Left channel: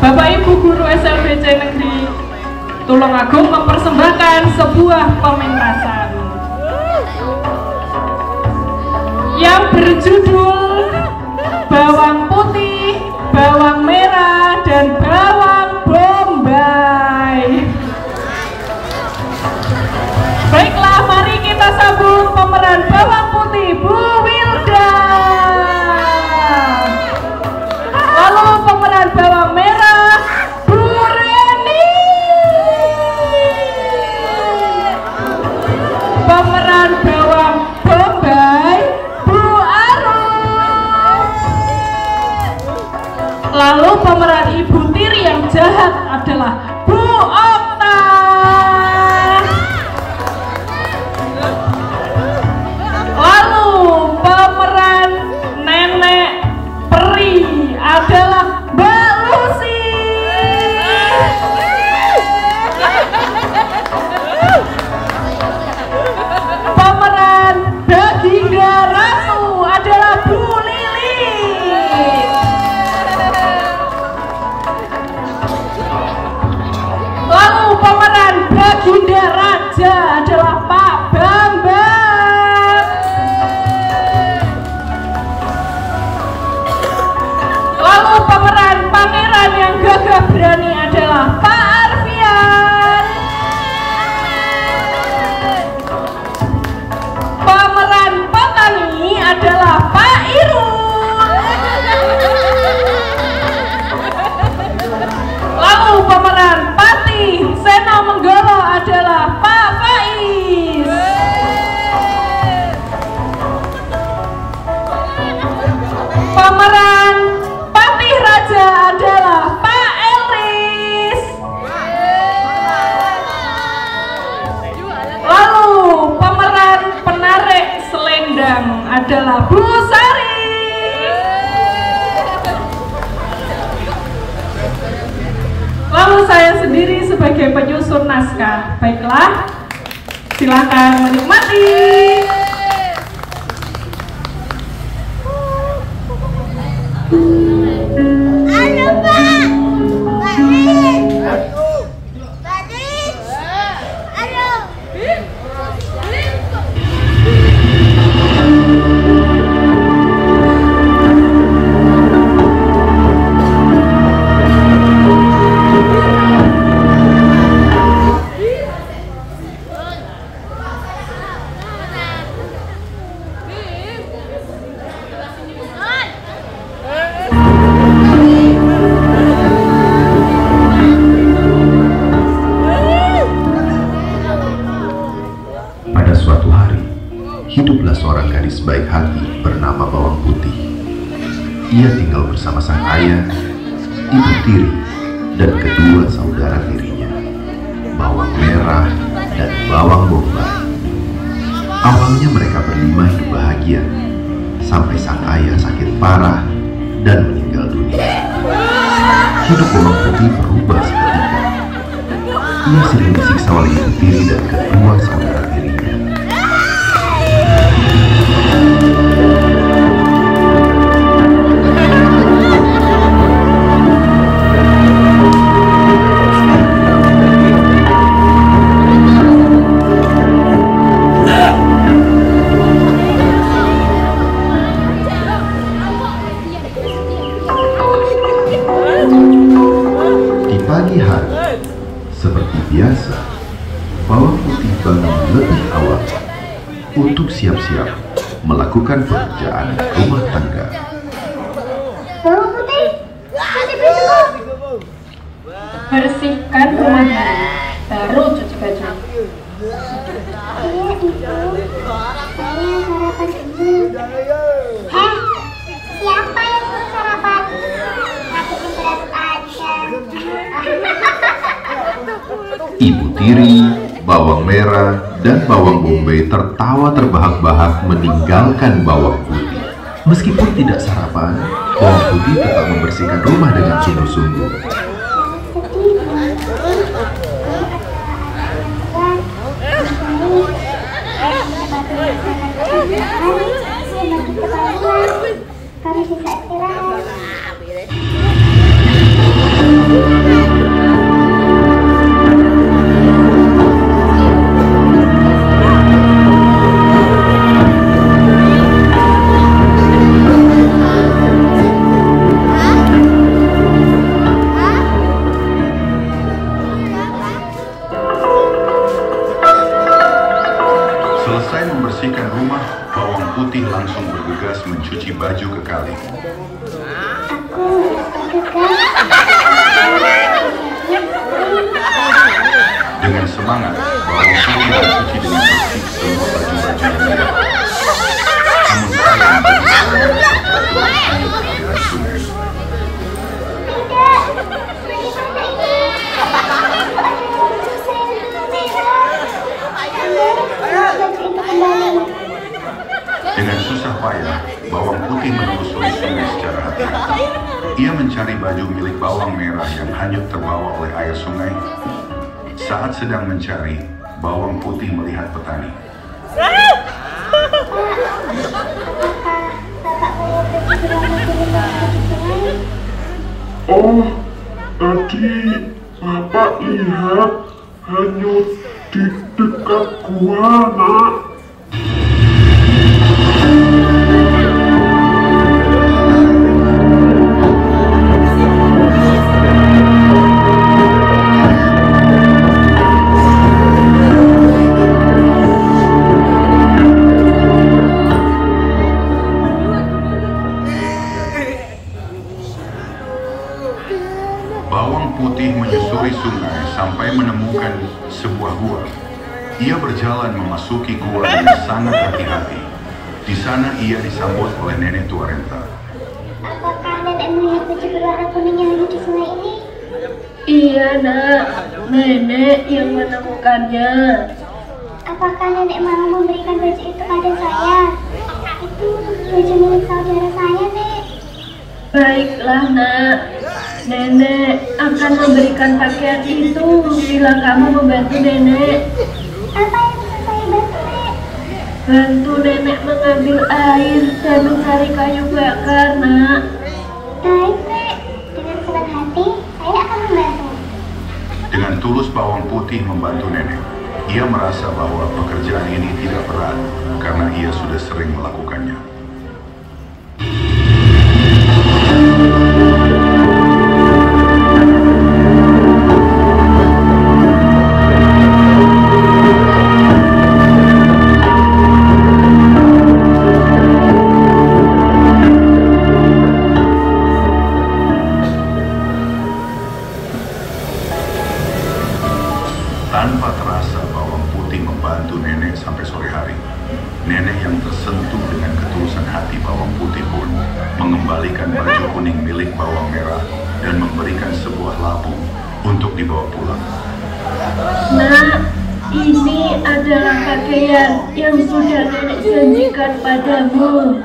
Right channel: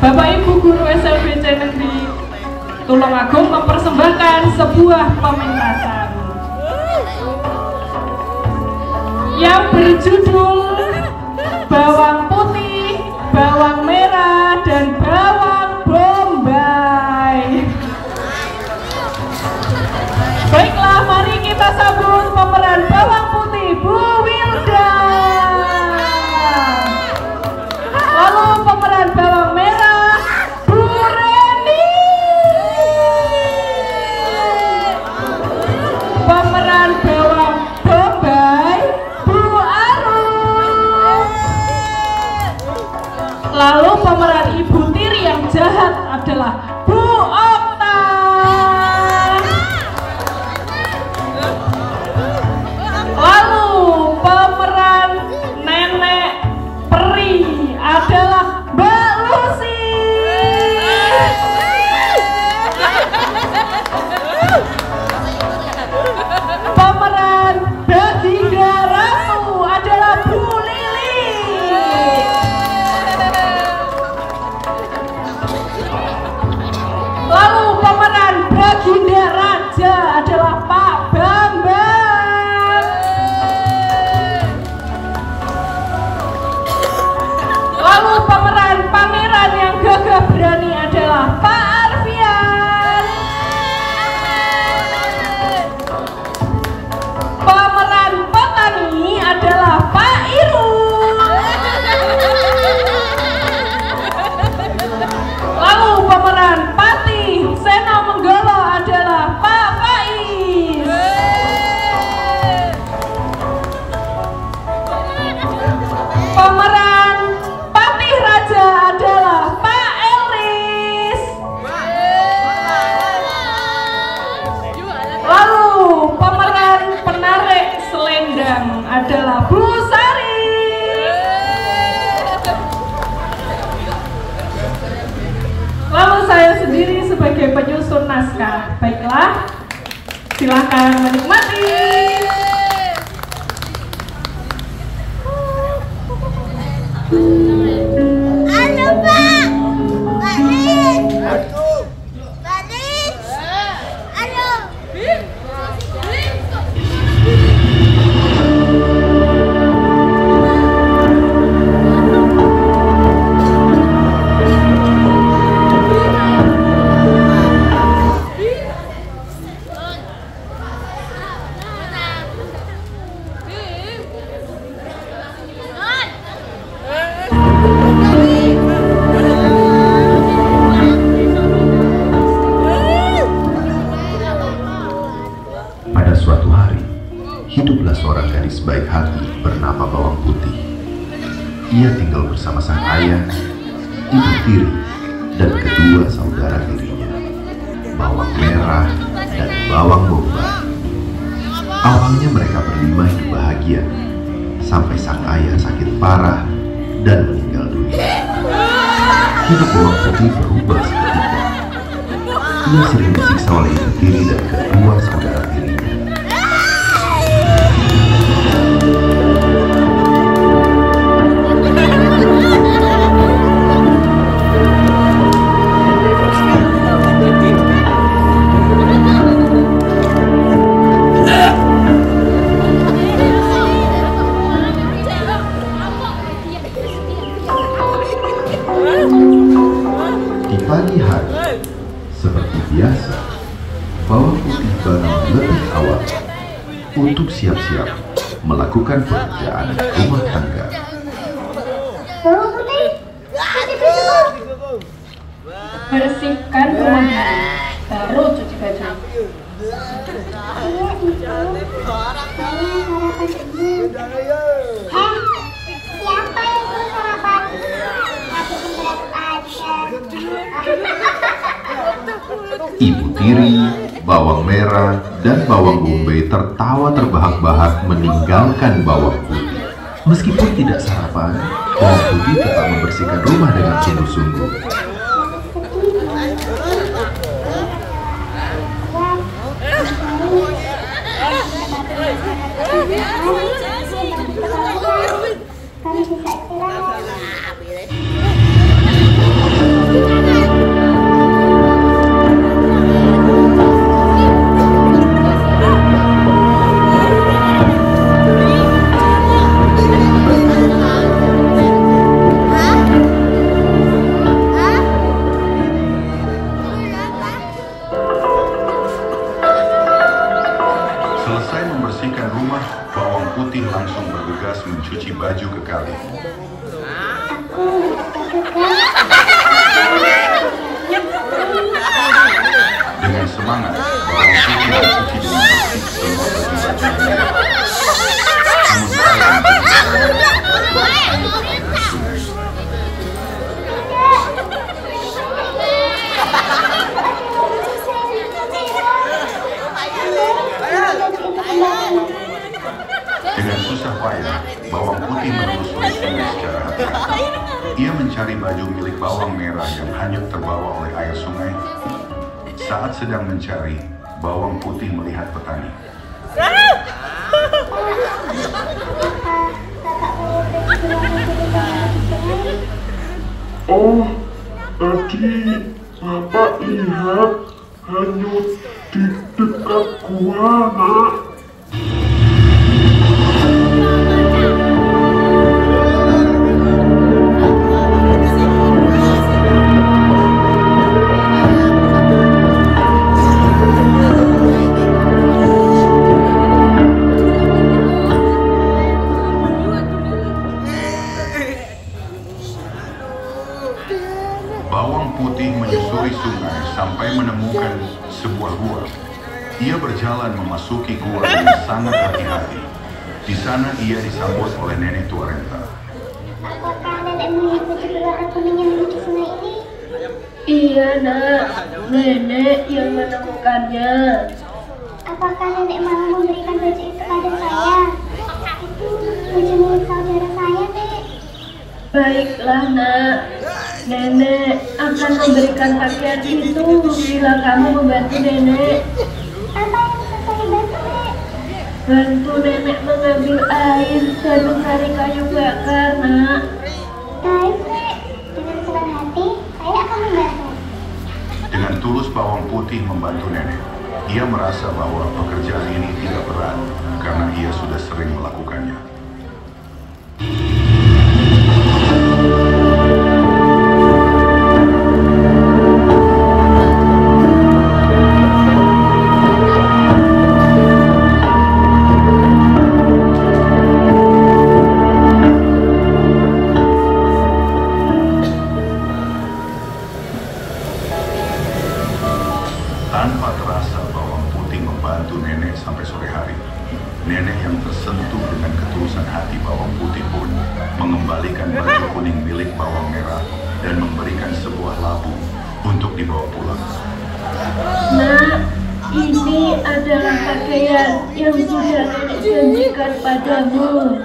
Bapak Ibu Guru SMPC Negeri Tulungagung mempersembahkan sebuah pementasan yang berjudul Bawang Putih, Bawang Merah, dan Bawang Bombay. Baiklah, mari kita sambut pemeran bawang putih, Bu Wilda. Lalu pemeran bawang merah, Bu Reni. Pemeran bawang bombay, Bu Arum. Lalu pemeran ibu tiri yang jahat adalah Bu Okta. Lalu pemeran nenek peri adalah Mbak Lucy. Pemeran Baginda Ratu adalah Bu Lili. Lalu pemeran Baginda Raja adalah Pak Bambang. Lalu pemeran pangeran yang gagah berani adalah Pak Arfian. Pemeran petani adalah Pak Irun. Lalu pemeran Patih Seno Menggolo adalah Pak Faiz. Pemeran Patih Raja adalah Pak Elris. Lalu pemeran penarik selendang adalah Bu Sari. Lalu saya sendiri sebagai penyusun naskah. Baiklah, silakan menikmati. Hiduplah seorang gadis baik hati bernama Bawang Putih. Ia tinggal bersama sang ayah, ibu tiri, dan kedua saudara tirinya, Bawang Merah dan Bawang Bombay. Awalnya mereka berlima hidup bahagia, sampai sang ayah sakit parah dan meninggal dunia. Hidup Bawang Putih berubah seketika. Ia sering disiksa oleh ibu tiri dan kedua saudara tirinya. Pagi hari, seperti biasa, Bawang Putih bangun lebih awal untuk siap-siap melakukan pekerjaan rumah tangga. Bawang Putih, Bersihkan rumah dulu, baru cuci baju. iya Ibu, saya sarapan dulu. Hah? Siapa yang suruh sarapan? Aku berat aja. Ibu tiri, Bawang Merah, dan Bawang Bombay tertawa terbahak-bahak meninggalkan Bawang Putih. Meskipun tidak sarapan, Bawang Putih tetap membersihkan rumah dengan sungguh-sungguh. Harus bisa istirahat. semangat, bawang putih dan cuci dengan bersih semua baju-baju yang dia bawa. Namun sayang baju bawang merah terjatuh dan hanyut ke aliran sungai. Dengan susah payah, bawang putih menelusuri sungai secara hati-hati. Ia mencari baju milik bawang merah yang hanyut terbawa oleh air sungai. Saat sedang mencari, bawang putih melihat petani. Oh, tadi Bapak lihat hanyut di dekat gua, Nak. Bawang putih menyusuri sungai sampai menemukan sebuah gua. Ia berjalan memasuki gua dengan sangat hati-hati. Di sana ia disambut oleh nenek tua renta. Apakah nenek melihat baju berwarna kuning yang lucu sungai ini? Iya nak, nenek yang menemukannya. Apakah nenek mau memberikan baju itu pada saya? Itu baju milik saudara saya, Nek. Baiklah nak, nenek akan memberikan pakaian itu bila kamu membantu nenek. Apa yang bisa saya bantu, Nek? Bantu nenek mengambil air dan mencari kayu bakar nak. Baik, Nek. Dengan senang hati, saya akan membantu. Dengan tulus bawang putih membantu nenek. Ia merasa bahwa pekerjaan ini tidak berat karena ia sudah sering melakukannya. Tanpa terasa bawang putih membantu nenek sampai sore hari. Nenek yang tersentuh dengan ketulusan hati bawang putih pun mengembalikan baju kuning milik bawang merah dan memberikan sebuah labu untuk dibawa pulang. Nak, ini adalah pakaian yang sudah nenek janjikan padamu.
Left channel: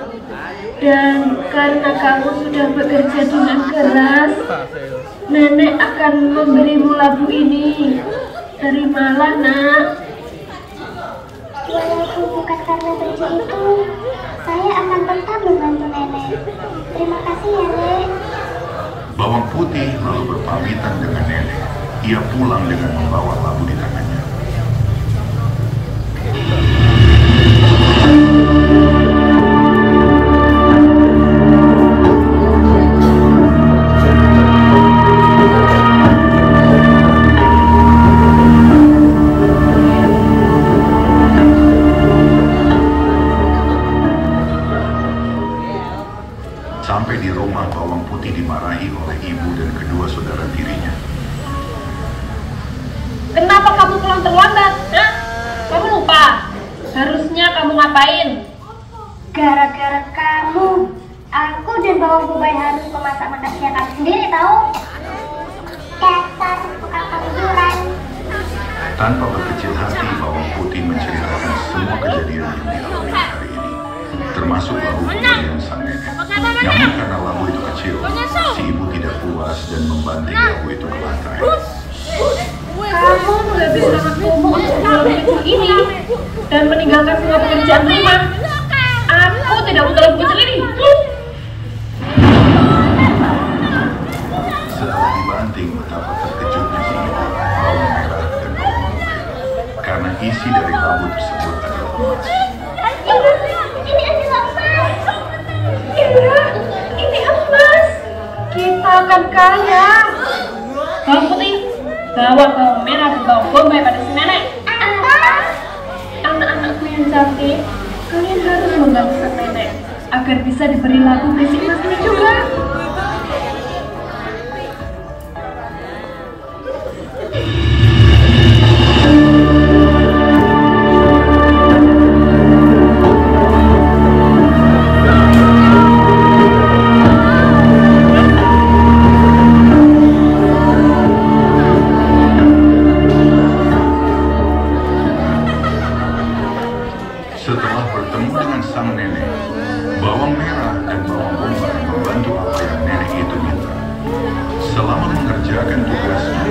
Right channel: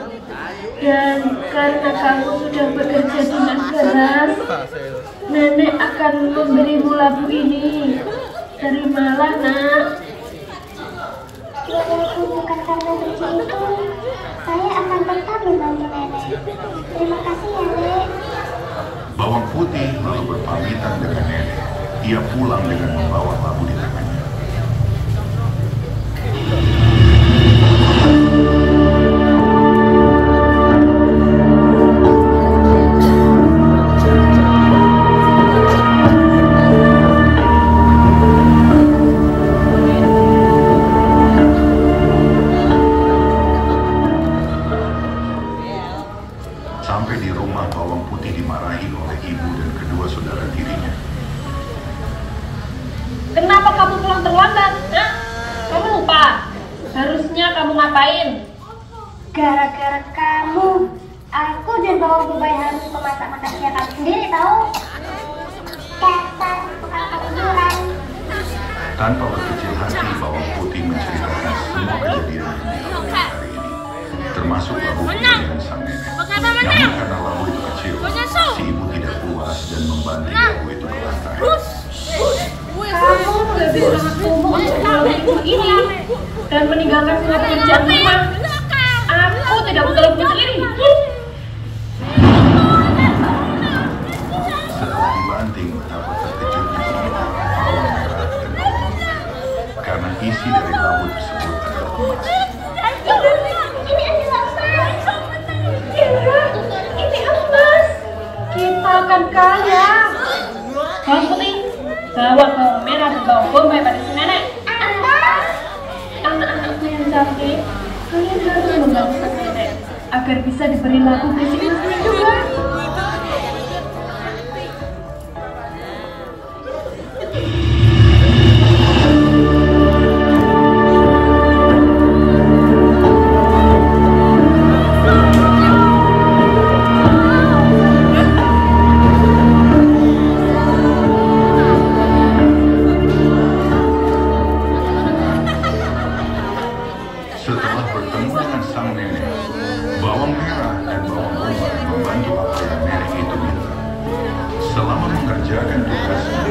Dan karena kamu sudah bekerja dengan keras, nenek akan memberimu labu ini. Terimalah nak. Walaupun bukan karena baju itu, saya akan tetap membantu nenek. Terima kasih ya, Nek. Bawang putih lalu berpamitan dengan nenek. Ia pulang dengan membawa labu di tangannya. Sampai di rumah, bawang putih dimarahi oleh ibu dan kedua saudara tirinya. Kenapa kamu pulang terlambat? Hah? Kamu lupa? Harusnya kamu ngapain? Gara-gara kamu, aku dan bawang bombay harus memasak makanannya kamu sendiri, tahu? Dasar tukang kejujuran. Tanpa berkecil hati, bawang putih menceritakan semua kejadian yang dialami hari ini, termasuk labu pemberian sang nenek. Namun karena labu itu kecil, si ibu tidak puas dan membanting labu itu ke lantai. Kamu sudah bisa bertumbuh untuk dalam hidup ini dan meninggalkan semua pekerjaan rumah. Aku tidak butuh labu kecil ini. Setelah dibanting, betapa terkejutnya si ibu, bawang merah dan bawang putih, karena isi dari labu tersebut adalah emas. Ini adalah emas. Ini emas. Kita akan kaya. Bawang putih, bawa bawang merah dan bawang bombay pada si nenek. Anak-anakku yang cantik, kalian harus membantu sang nenek agar bisa diberi labu besi emasnya juga. mengerjakan tugasnya,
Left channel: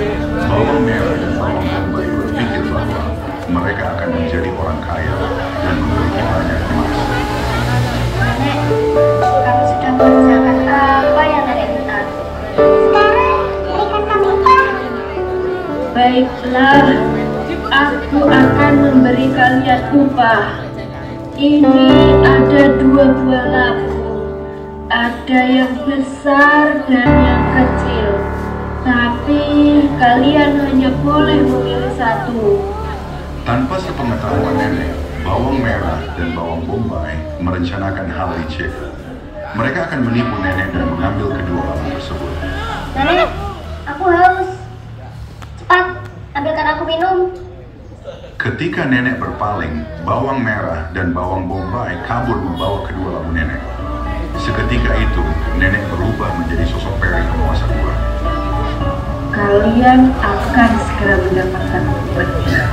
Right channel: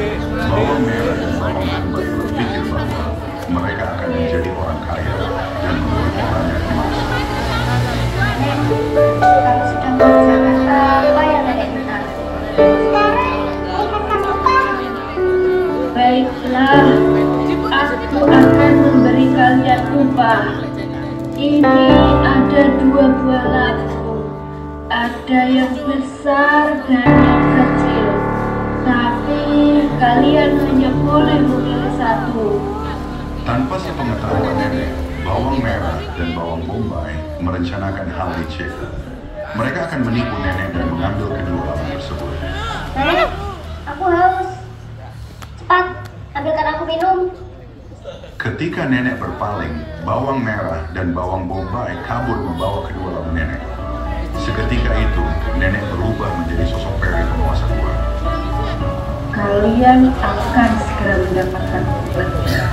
bawang merah dan bawang bombay berpikir bahwa mereka akan menjadi orang kaya dan memiliki banyak emas. Nenek, kamu sudah mengerjakan apa yang nenek minta? Sekarang, berikan kami upah. Baiklah, aku akan memberi kalian upah. Ini ada 2 buah labu. Ada yang besar dan yang kecil. Tapi kalian hanya boleh memilih satu. Tanpa sepengetahuan nenek, bawang merah dan bawang bombay merencanakan hal licik. Mereka akan menipu nenek dan mengambil kedua labu tersebut. Nenek, aku haus. Cepat, ambilkan aku minum. Ketika nenek berpaling, bawang merah dan bawang bombay kabur membawa kedua labu nenek. Seketika itu, nenek berubah menjadi sosok peri penguasa gua. Kalian akan segera mendapatkan obatnya.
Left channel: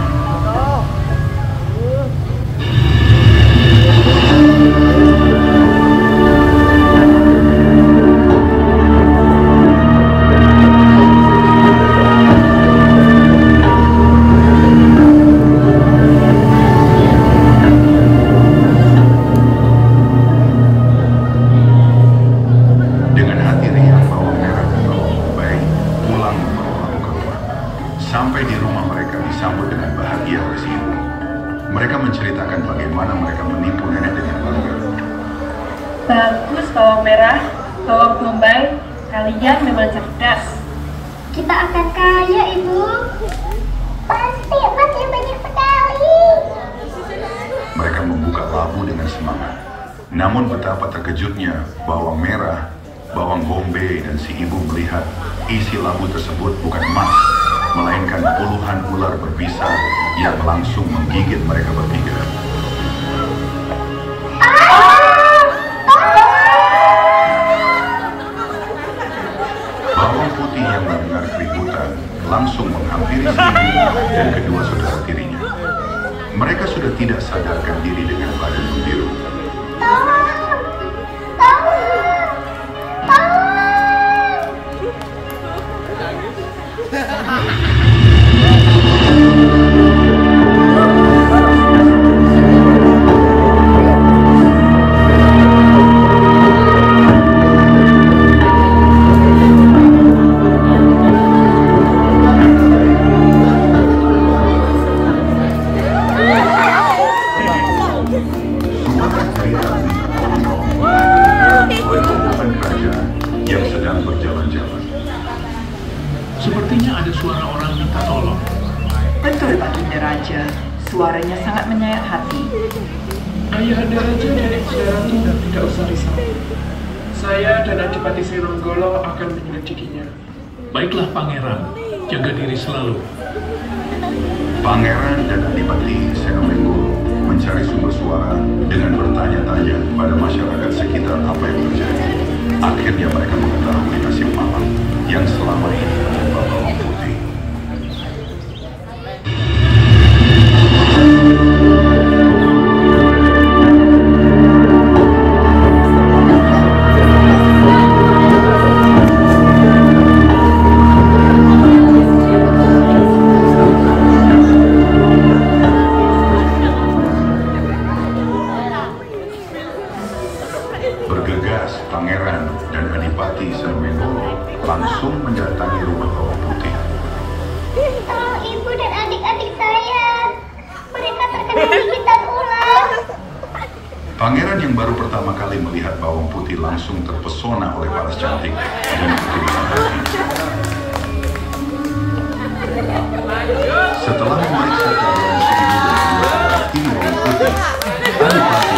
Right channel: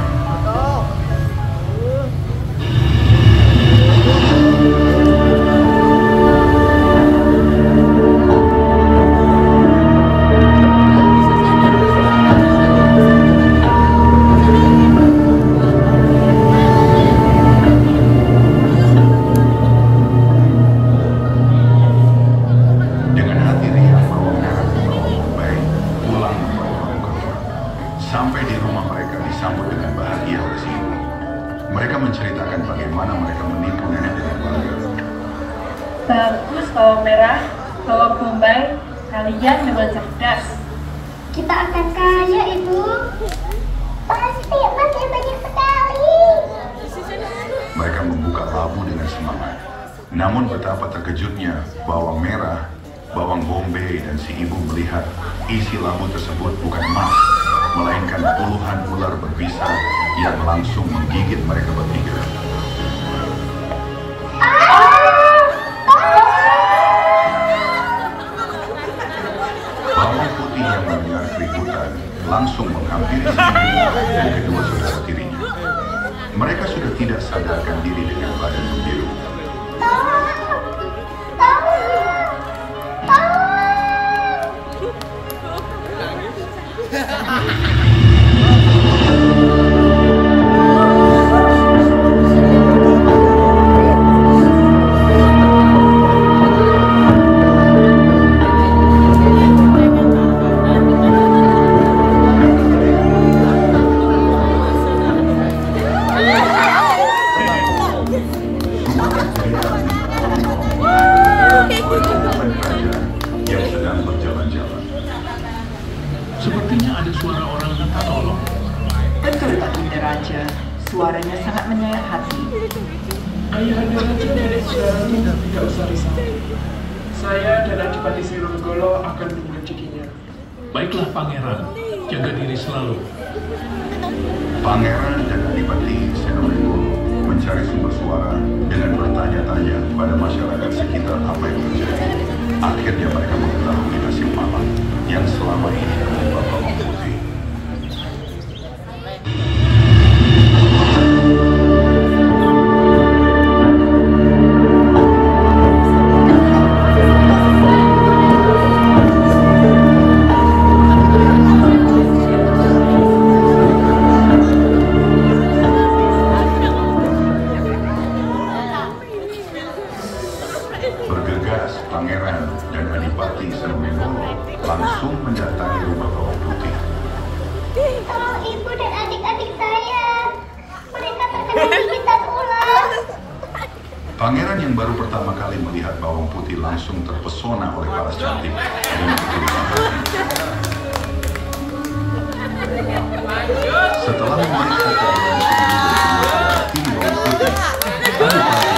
Sampai di rumah mereka disambut dengan bahagia oleh si ibu. Mereka menceritakan bagaimana mereka menipu nenek dengan bangga. Bagus bawang merah, bawang bombay, kalian memang cerdas. Kita akan kaya, Ibu. Pasti banyak sekali. Mereka membuka labu dengan semangat. Namun betapa terkejutnya bawang merah, bawang bombay dan si ibu melihat isi labu tersebut bukan emas, melainkan puluhan ular berbisa yang langsung menggigit mereka bertiga. Bawang putih yang mendengar keributan langsung menghampiri si ibu dan kedua saudara tirinya. Mereka sudah tidak sadarkan diri dengan badan membiru. Suara teriak minta tolong oleh rombongan kerajaan yang sedang berjalan-jalan. Sepertinya ada suara orang minta tolong. Betul Baginda Raja, suaranya sangat menyayat hati. Ayahanda Raja dan saudaraku tidak usah risau. Saya dan Adipati Seronggolo akan menyelidikinya. Baiklah pangeran, jaga diri selalu. Pangeran dan Adipati Senonggolo mencari sumber suara dengan bertanya-tanya pada masyarakat sekitar apa yang terjadi. Akhirnya mereka mengetahui nasib malang yang selama ini menimpa bawang putih. Bergegas, pangeran dan Adipati Senonggolo langsung mendatangi rumah bawang putih. Tolong ibu dan adik-adik saya. Mereka terkena gigitan ular. Pangeran yang baru pertama kali melihat bawang putih langsung terpesona oleh paras cantik dan keturunan. Setelah memeriksa keadaan si ibu dan kedua saudara tiri bawang putih, Adipati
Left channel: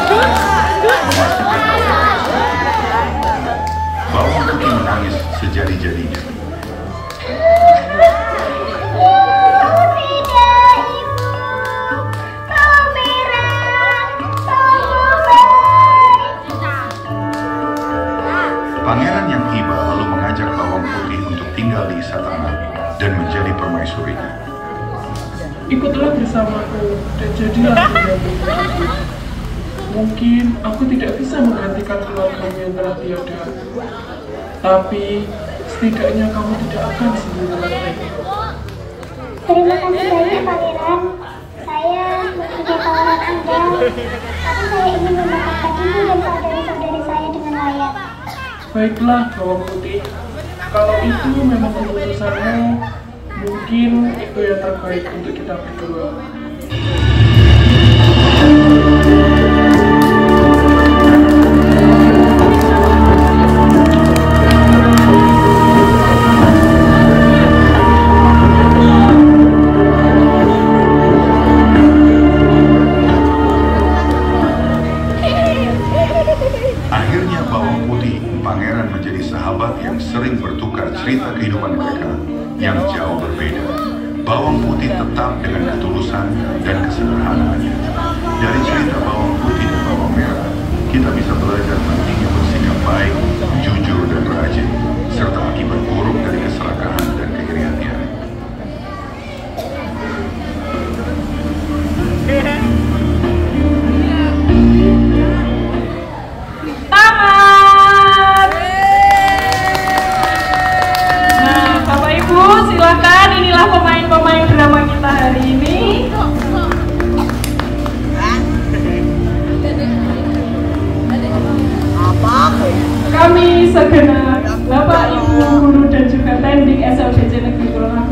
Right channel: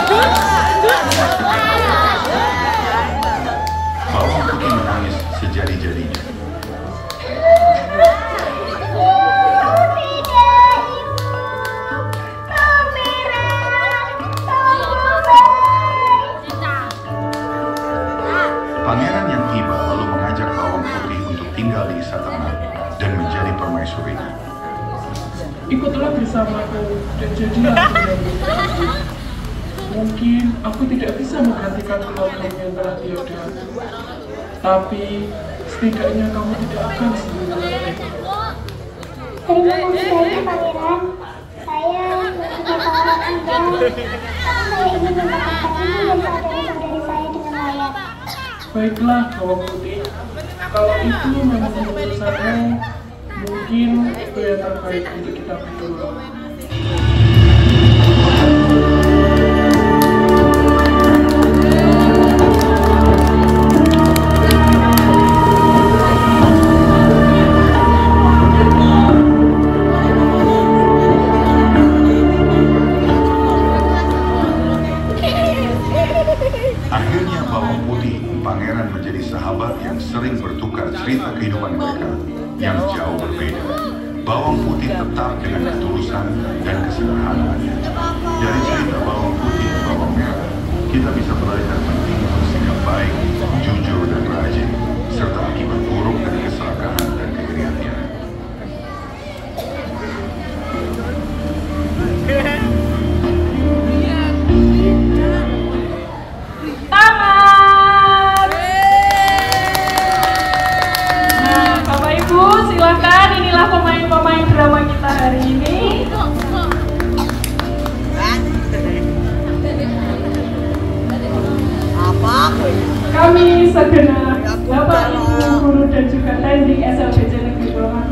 memastikan bahwa mereka sudah tidak tertolong. Bawang putih menangis sejadi-jadinya. Pangeran yang iba lalu mengajak bawang putih untuk tinggal di istana dan menjadi permaisurinya. Ikutlah bersamaku dan jadilah pendampingku. Mungkin aku tidak bisa menggantikan keluargamu yang telah tiada. Tapi Setidaknya kamu tidak akan sendirian. Terima kasih banyak Pangeran. Saya mencoba tawaran Anda, tapi saya ingin mendapatkan ibu dan saudari-saudari saya dengan layak. Baiklah, Bawang Putih. Kalau itu memang keputusannya, mungkin itu yang terbaik untuk kita berdua. Akhirnya Bawang Putih, pangeran menjadi sahabat yang sering bertukar cerita kehidupan mereka yang jauh berbeda. Bawang Putih tetap dengan ketulusan dan kesederhanaannya. Dari cerita Bawang Putih dan Bawang Merah, kita bisa belajar pentingnya bersikap baik, jujur dan rajin, serta akibat buruk dari keserakahan dan keiri-hatian. Tamat. Nah, Bapak Ibu, silakan. Inilah pemain-pemain drama kita hari ini. Kami segenap Bapak, Ibu, guru dan juga teknik SLBJ Negeri Golongan